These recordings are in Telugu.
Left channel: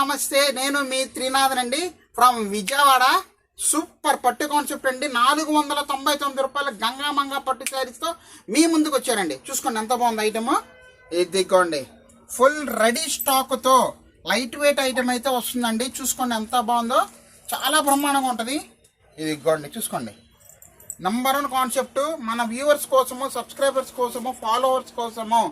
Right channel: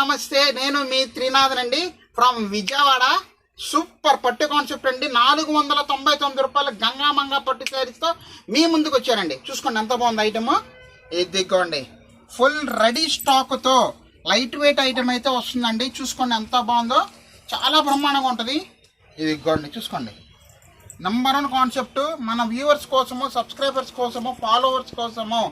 నమస్తే, నేను మీ త్రినాథన్ అండి ఫ్రమ్ విజయవాడ. సూపర్ పట్టు కాన్సెప్ట్ అండి. 499 రూపాయలు గంగామంగా పట్టు శారీస్తో మీ ముందుకు వచ్చారండి. చూసుకోండి ఎంత బాగుంది ఐటమ్. ఇదిగోండి ఫుల్ రెడీ స్టాక్తో లైట్ వెయిట్ ఐటమ్ అయితే వస్తుందండి. చూసుకోండి ఎంత బాగుందో, చాలా బ్రహ్మాండంగా ఉంటుంది. ఇదిగోండి చూసుకోండి, నంబర్ 1 కాన్సెప్ట్. మన వ్యూవర్స్ కోసము, సబ్స్క్రైబర్స్ కోసము, ఫాలోవర్స్ కోసము,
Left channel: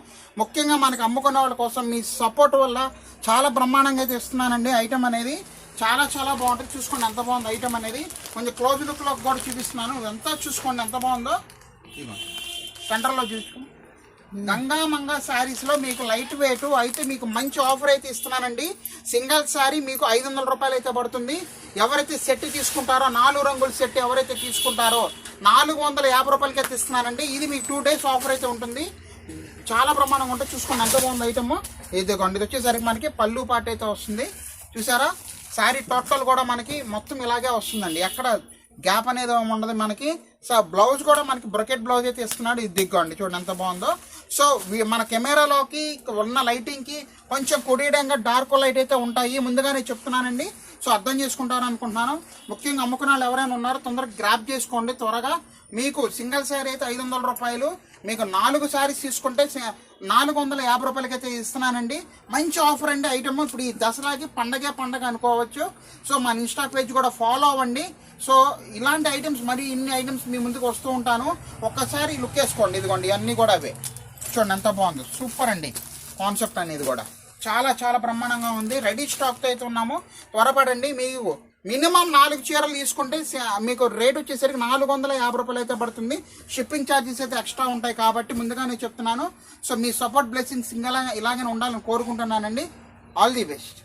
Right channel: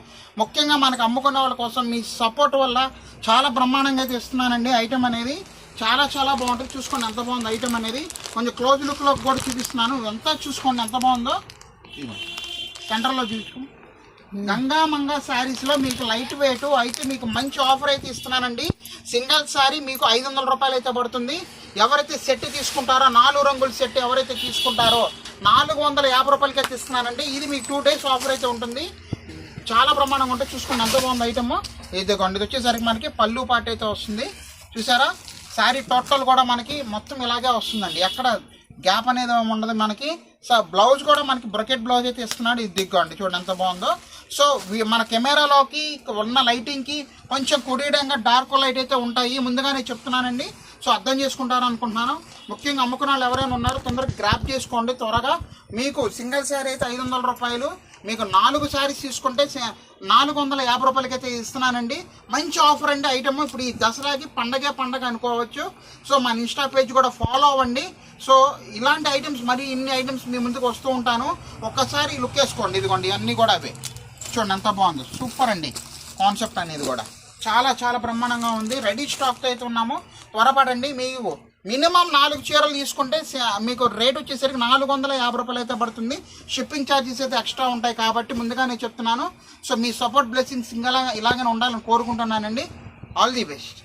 ముఖ్యంగా మనకు అమ్ముకునే వాళ్ళ కోసం మీ సపోర్ట్ వల్ల చాలా బ్రహ్మాండంగా అయితే ఇస్తున్నానండి. ఐటమ్ అనేది చాలా చాలా బాగుంటుంది. చూసుకోండి ఎంత బాగుంది ఐటమ్ అనేది. కొంచెం క్లోజ్ లుక్లో కూడా చూపిస్తున్నాను. ఎంత చూసుకోండి ఎంత బాగుందో. సెంటర్లో చూసుకోండి. గంగామంగా శారీస్లో మీకు లైట్ వెయిట్ అయితే మీకు మంచి ఆఫర్ అయితే ఇస్తున్నానండి. సింగిల్ శారీ మీకు 500 రూపాయలు అయితే పడుతుంది. ఎవరైతే సెట్ తీసుకుంటారో, 4 రంగుల సెట్ ఎవరైతే తీసుకుంటారో 450 రూపాయలకి అయితే ఇస్తున్నానండి. ఇది మీకు 2 డేస్ ఆఫర్ అయితే ఉంటుంది. చాలా బ్రహ్మాండంగా ఉంటుంది. చూసుకోండి ఎంత బాగుంది ఐటమ్. ఇదిగోండి, ఇది వచ్చేసరికి మనకి పళ్ళు పాట అయితే వస్తుంది. చూసారా, శారీ టోటల్ కూడా మనకి మొత్తం ఇలాగే వస్తుందండి. ఎక్కడ గ్యాప్ అనేది ఉండదు మనకి. సో బ్లౌజ్ కూడా మనకి బ్రకెట్ బ్లౌజ్ అయితే ఇస్తున్నాడు. ఇది దిగ్గండి, చూడండి ఎంత బాగుందో. సో మన కెమెరాలోకి ఉన్న లైటింగ్కి కొంచెం కొడియడంగా డార్క్ లైట్ అయితే ఉంటాయి, ముందుగానే చెప్తున్నానండి. సో అర్థం చేసుకుంటారు అనుకుంటున్నాను. ముఖ్యంగా అమ్ముకున్న వాళ్ళు ఎవరైనా ఉన్నారో తొందరగా గ్రాప్ చేసుకోండి త్వరగా. మీకు సింగిల్ శారీ అయితే 500 రూపాయలు, మీకు 4 శారీస్ తీసుకుంటే 450 రూపాయలకి అయితే ఇస్తున్నానండి. మంచి ఆఫర్ అండి ఐటమ్. ఇప్పుడు ఈ దసరాకి పండగ అనుకోవచ్చు. సో మన ఇన్స్టా పేజ్ కూడా ఫాలో అవ్వండి. సో ఇలాంటి ఐటమ్స్, మరి ఇన్ని ఐటమ్స్ మీ ముందుకు వస్తూ ఉంటాను. ఒక్కసారి లుక్ వేసుకోండి. ఇదిగోండి ఇవన్నీ కూడా అవే. చూడండి ఎంత బాగుంది. సూపర్ అండి కాన్సెప్ట్ అనేది కూడా చాలా చాలా బ్రహ్మాండంగా ఉంది. రెడీ స్టాక్తో అయితే ఉన్నాము. త్వరపడండి. మీకు మినిమం 4 చీరలు తీసుకుంటే మీకు రేట్ వచ్చేసరికి 450 రూపాయలు అయితే పడుతుంది. షిప్పింగ్ ఛార్జెస్ అయితే ఎక్స్ట్రా ఉంటాయి కాబట్టి ముందుగానే చెప్తున్నాను. సో మీ సపోర్ట్ బ్లెస్సింగ్స్ ఇలాగే ఉండాలని కోరుకుంటున్నానండి. All the best.